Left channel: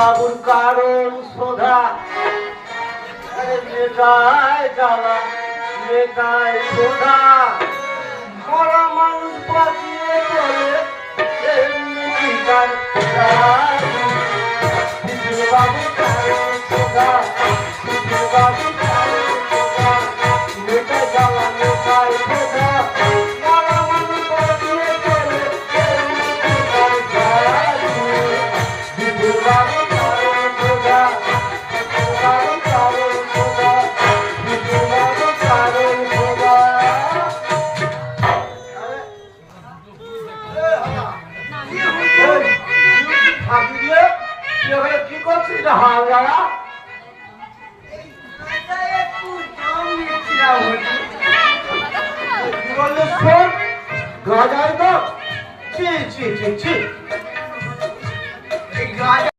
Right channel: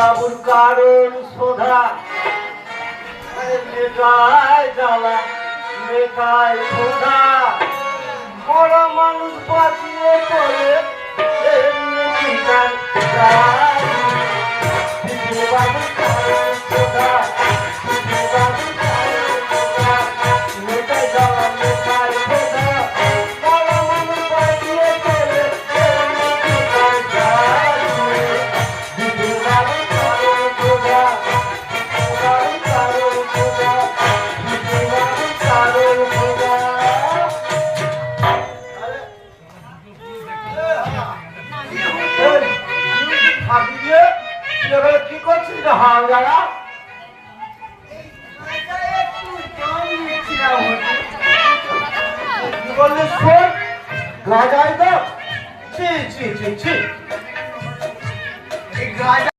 বাবুর কারণ সোধা মেটায় জ্বালা মেটায় সোধা মরা মানুষ বাঁচিয়ে চলে এমনি ঠিকান বাবুর কারণ সোধা বাবুর কারণ সোধা মেটায় জ্বালা মেটায় সোধা মরা মানুষ বাঁচিয়ে চলে এমনি ঠিকান বাবুর কারণ সোধা বাবুর কারণ সোধা বাবুর কারণ সোধা। কি করছিস হাঙ্গারা? কি বললি শোন গাঁজাই তো ছি ছি ছি ছি গাঁজা